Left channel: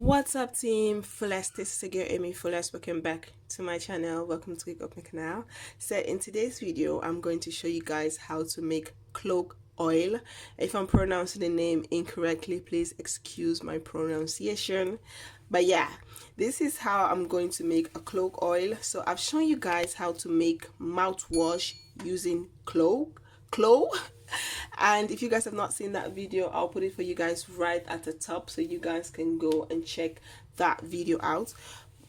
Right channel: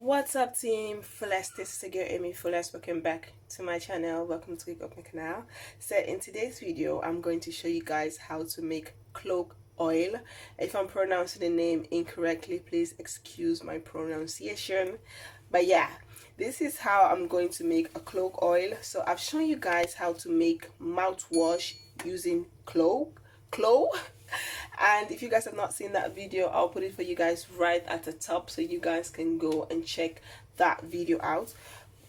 What's up, team Fullest? This is again AMIFULLEST. Welcome back to my channel. Welcome to my canal. So in today's video, I'm going to show you guys how to make clove oil. If I'm pronouncing the name incorrectly, please excuse my pronunciation. But yeah, this is how I'm going to make a clove oil. So I've shown you guys how to make mouthwash using clove. And if you guys have not seen that video, I'll put it for you guys right at the top so you guys can go and check that video out.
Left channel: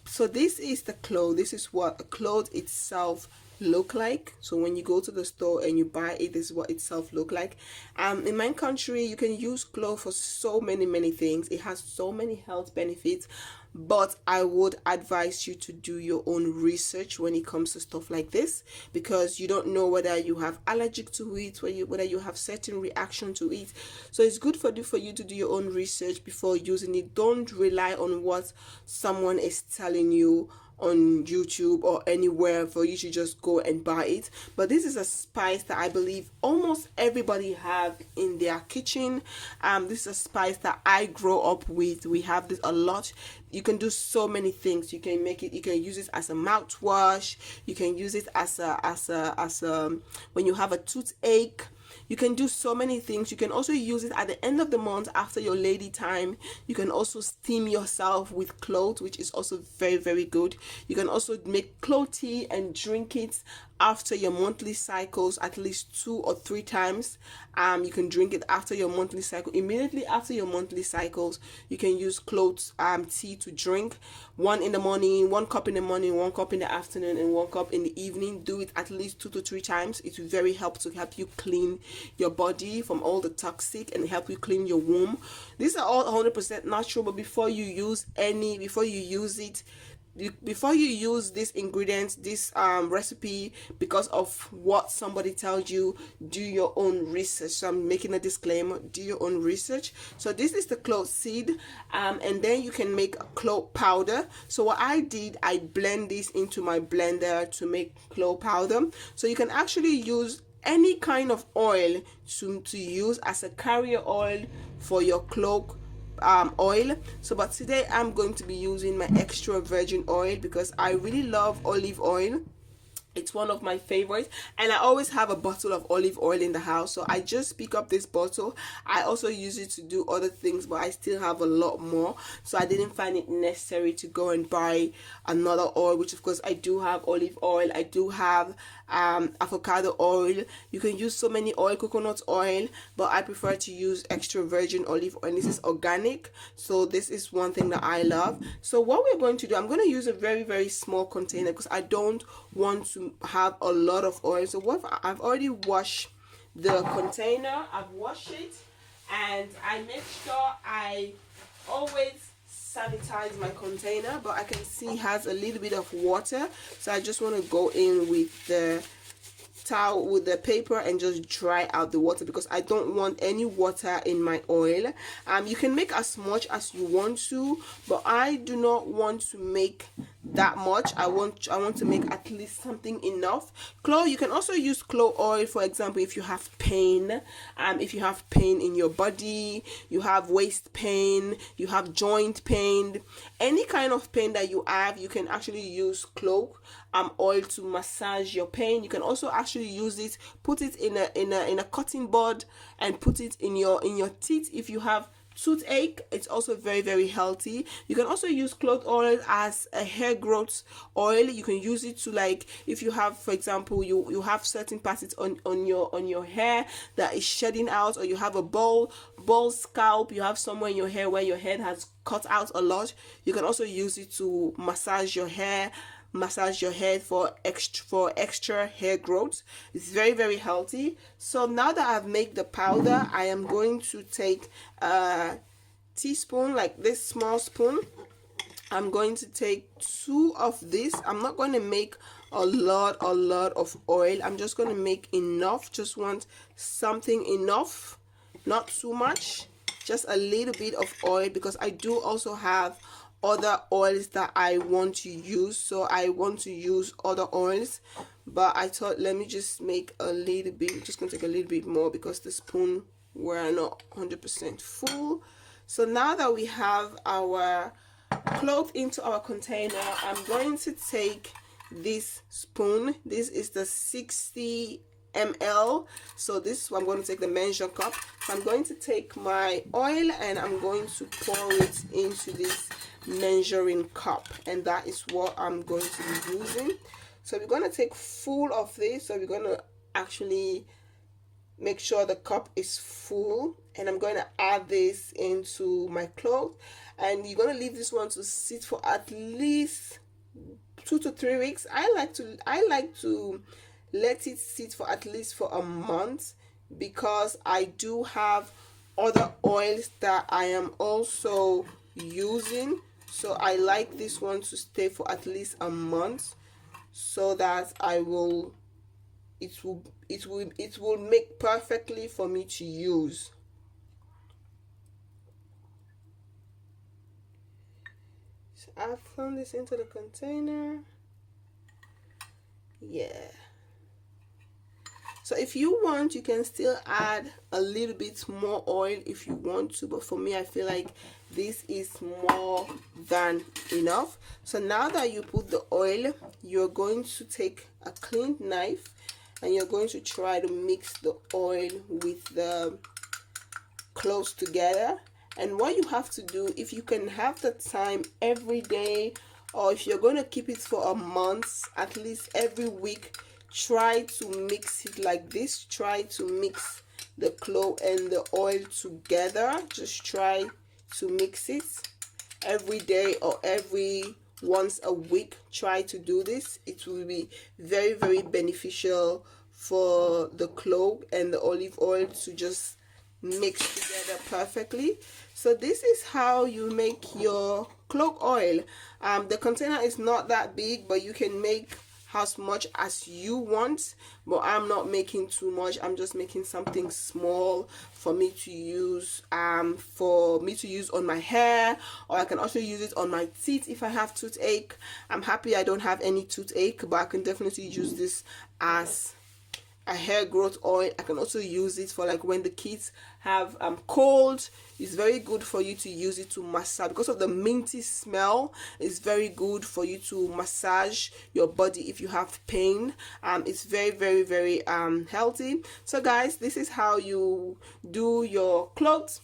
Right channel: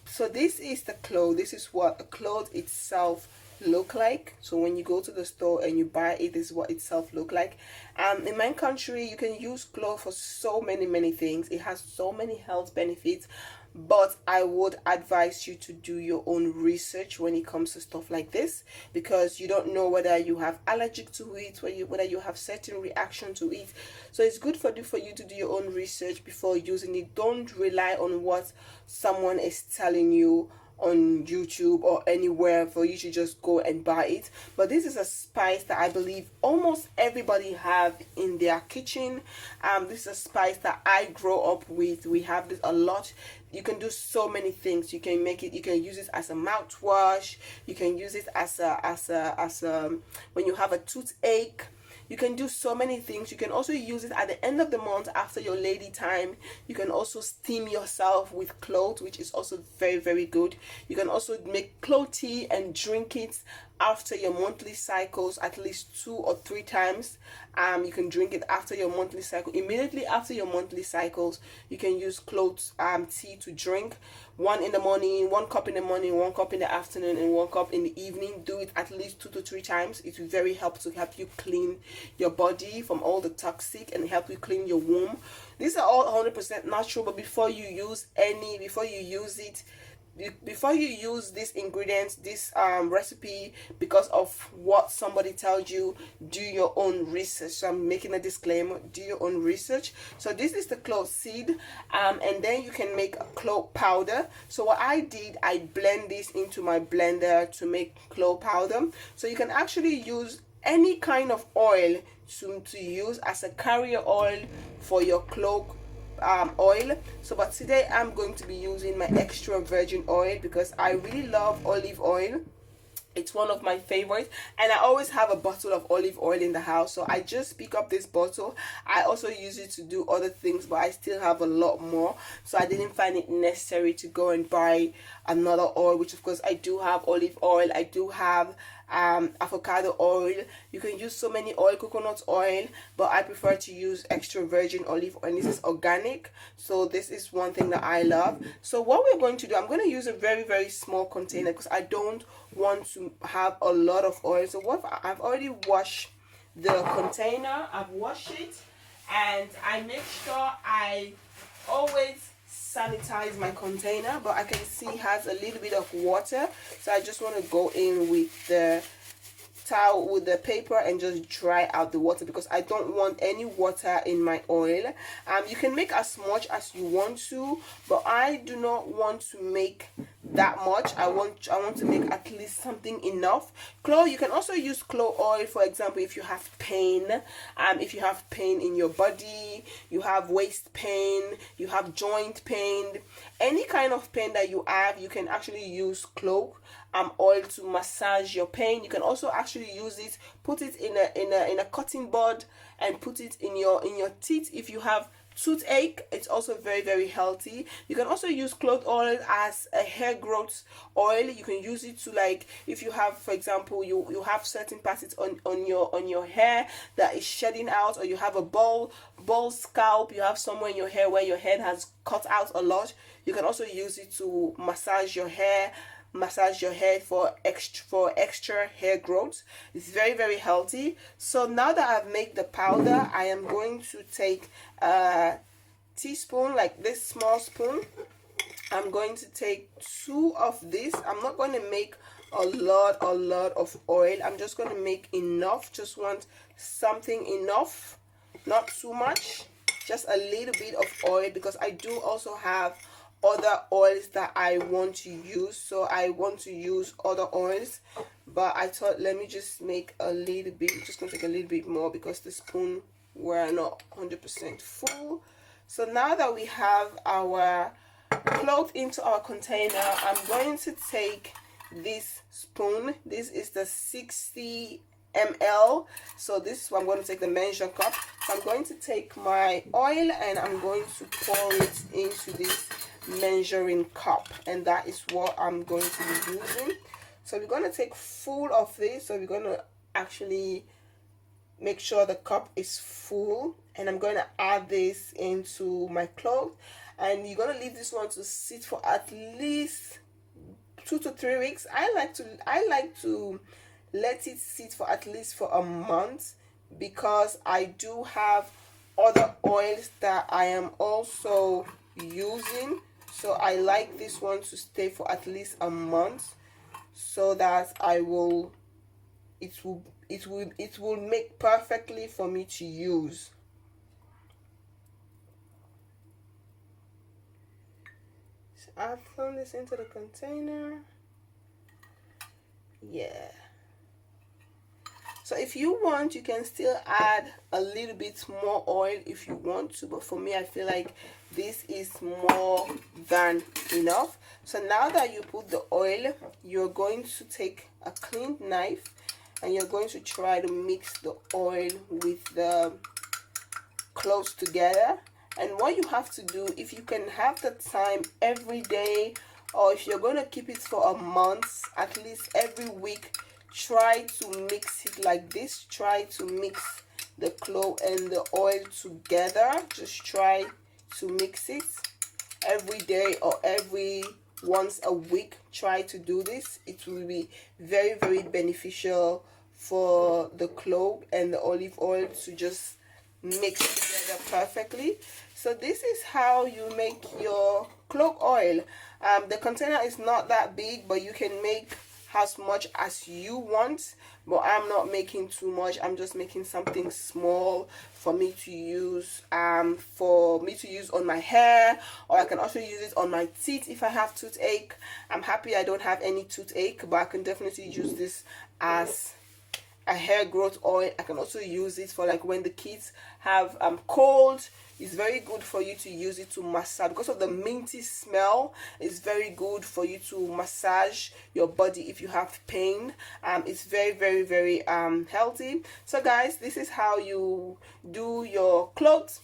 So this is the clove. This is what a clove itself look like. So when you go to the store and you buy it, this is what itself look like. In my country, you can use clove for so many things. It has so many health benefits, but I would advise you to do your own research when it comes to stuff like this, because you don't know whether you have allergic to it, whether you have certain reaction to it. So it's good for you to do your own research before using it. Don't rely on what someone is telling you on YouTube or anywhere for you to just go and buy it. But this is a spice that I believe almost everybody have in their kitchen. This is a spice that I grow up with. We have this a lot. You can do so many things. You can make it, you can use it as a mouthwash, you can use it as a when you have a toothache. You can do so many things. You can also use it at the end of the month after your lady time. You can also steam yourself with clove, which is also very good. You can also make clove tea and drink it after your monthly cycles at least 2 or 3 times. You can drink it after your monthly cycle. Immediately after your monthly cycles, you can use clove tea to drink. 1 in the morning, 1 cup in the morning, 1 cup in the afternoon, and 1 cup in the evening. Do it at least 2 to 3 times. It will very help you clean your body from all the toxic and help you clean your womb. These are all 100% natural, but before you use this ingredient, this recipe, because of what somebody tells you, do your own research. So I'm making a disclaimer, do your own research. So this is the clove seed, and then you can make a clove powder. So what I did, I blend this into my blender to make clove powder. So you can actually use any kind of oil to use as a carrier oil for your clove oil. So but today I'm going to be using my extra virgin oil because I really love olive oil. It's one of my favorites, and I always have a bottle of olive oil in the house, so I just pick up this bottle. I also use it to do other things, but I still have a lot more, so I didn't find it necessary to go and buy another oil, which of course I do have olive oil. I do have avocado oil. You can use so many oil, coconut oil, but I prefer to use extra virgin olive oil. This is organic, so this is one thing that I love. So what we're going to do, I'm going to use a very small container because I don't want to have a lot of oil. So what I've already washed the container, I've washed it, and I make sure I always sanitize my container, but I can see it has a little bit of water, so I just want to go in with the towel, with the paper, and just dry out the water because I don't want any water in my oil. You can make as much as you want to, but I do not want to make that much. I want to make at least something enough. Clove, you can also use clove oil, for example, if you have pain, if you have pain in your body, you have waist pain, you have joint pain, any kind of pain that you have, you can actually use clove oil to massage your pain. You can also actually use it, put it in a cotton bud and put it in your teeth if you have toothache. It's also very healthy. You can also use clove oil as a hair growth oil. You can use it to, like, if you have, for example, you have certain parts on your hair that is shedding out, or you have a bald scalp, you have somewhere in your hair where your head has cut out a lot, you can also use it to massage your hair for extra hair growth. It's very healthy. So now that I've made the powder, I am going to take a teaspoon, like this small spoon. I'm going to take 2 of this. I'm not going to make a lot of oil. I'm just going to make enough. Just want something enough, not too much, just a little bit of oil, because I do also have other oils that I want to use. So I want to use other oils, but I thought, let me just make a little bit, just gonna take a little bit more because the spoon were not 100% full. So now that we have our cloth into our container, I'm going to take this spoon. This is the 60 ml. So this, I'm going to take the measure cup. So I'm going to take my oil and I'm going to pour it into this measuring cup, and that is what I'm going to be using. So we're going to take full of this. So we're going to actually make sure the cup is full, and I'm going to add this into my cloth, and you're going to leave this one to sit for at least 2 to 3 weeks. I like to let it sit for at least for a month, because I do have other oils that I am also using. So I like this one to stay for at least a month, so that it will make perfectly for me to use. So I've thrown this into the container. Yeah. So if you want, you can still add a little bit more oil if you want to, but for me, I feel like this is more than enough. So now that you put the oil, you're going to take a clean knife and you're going to try to mix the oil with the cloves together. And what you have to do, if you can have the time every day, or if you're going to keep it for a month, at least every week, try to mix it like this. Try to mix the clove and the oil together. Just try to mix it every day or every once a week. Try to do this. It will be very, very beneficial for the clove and the olive oil to just mix together perfectly. So this is how you make your clove oil. The container is not that big, but you can make as much as you want, but I'm not making too much. I'm just making something small for me to use on my hair, or I can also use it on my teeth if I have toothache. I'm happy I don't have any toothache, but I can definitely use this as a hair growth oil. I can also use it for like when the kids have cold. It's very good for you to use it to massage, because of the minty smell. It's very good for you to massage your body if you have pain. It's very, very, very healthy. So guys, this is how you do your clothes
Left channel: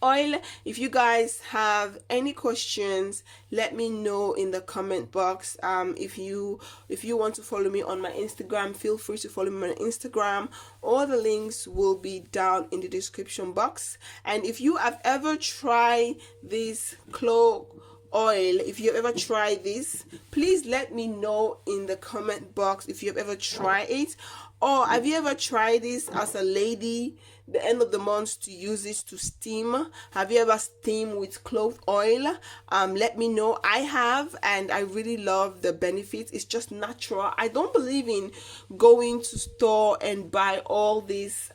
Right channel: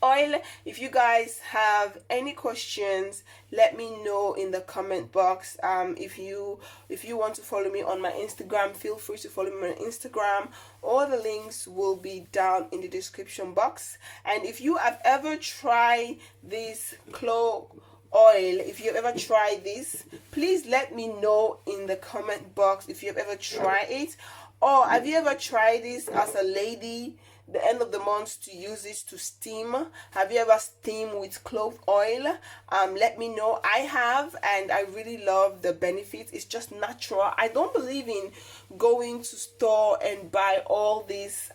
oil. If you guys have any questions, let me know in the comment box. If you want to follow me on my Instagram, feel free to follow me on Instagram. All the links will be down in the description box. And if you have ever tried this clove oil, if you've ever tried this, please let me know in the comment box if you've ever tried it. Or have you ever tried this as a lady, the end of the month, to use this to steam? Have you ever steamed with clove oil? Let me know. I have, and I really love the benefits. It's just natural. I don't believe in going to store and buy all these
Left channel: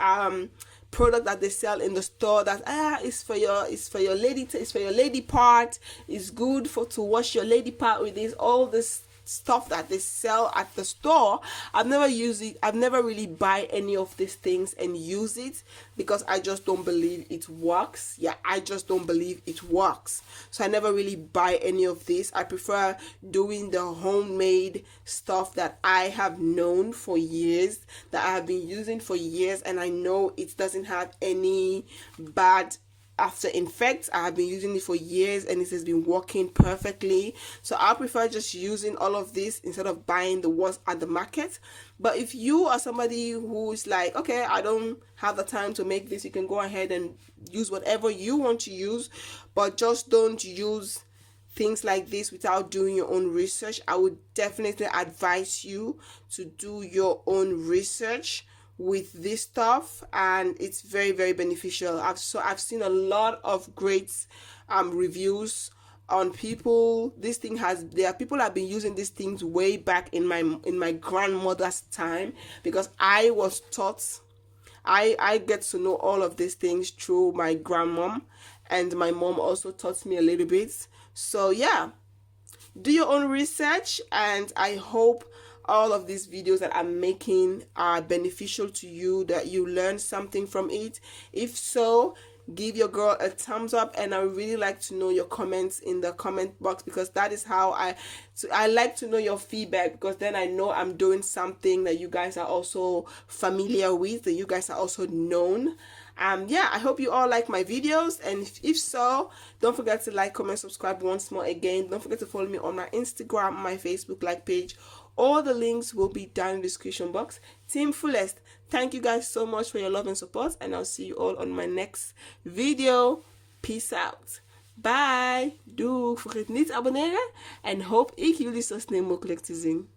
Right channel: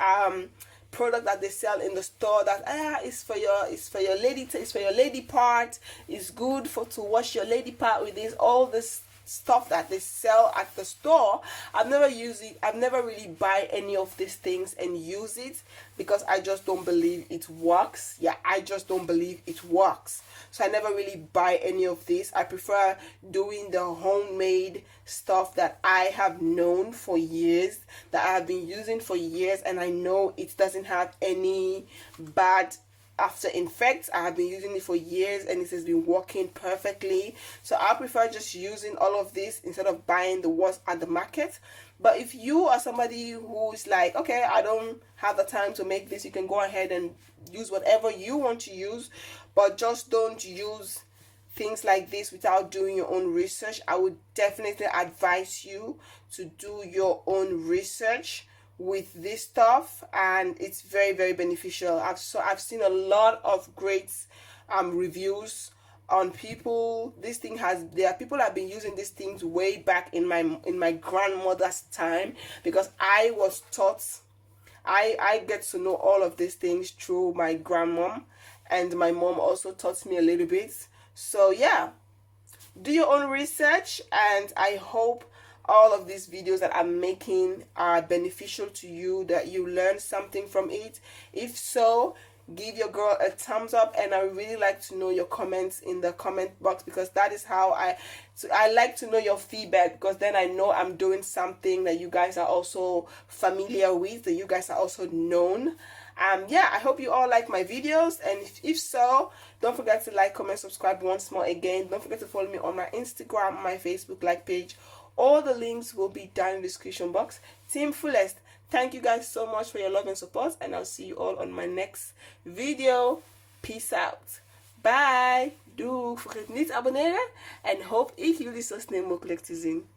product that they sell in the store that it's for your lady part. It's good to wash your lady part with this. All this stuff that they sell at the store, I've never used it. I've never really buy any of these things and use it, because I just don't believe it works. Yeah, I just don't believe it works. So I never really buy any of this. I prefer doing the homemade stuff that I have known for years, that I have been using for years, and I know it doesn't have any bad after effects. I have been using it for years and it has been working perfectly. So I prefer just using all of this instead of buying the ones at the market. But if you are somebody who's like, okay, I don't have the time to make this, you can go ahead and use whatever you want to use, but just don't use things like this without doing your own research. I would definitely advise you to do your own research with this stuff, and it's very, very beneficial. I've seen a lot of great reviews on people. There are people that have been using these things way back in my grandmother's time, because I was taught, I get to know all of these things through my grandmom, and my mom also taught me a little bit. So yeah, do your own research, and I hope all of these videos that I'm making are beneficial to you, that you learn something from it. If so, give your girl a thumbs up, and I really like to know your comments in the comment box, because that is how I like to know your feedback, because then I know I'm doing something that you guys are also familiar with, that you guys are also known. Yeah, I hope you all like my videos, and if so, don't forget to like, comment, subscribe once more again. Don't forget to follow me on my Instagram, my Facebook like page. All the links will be down in the description box. TeamFullest, thank you guys so much for your love and support, and I'll see you all on my next video. Peace out. Bye. Doei. Vergeet niet te abonneren en hoop ik jullie zo snel mogelijk te zien.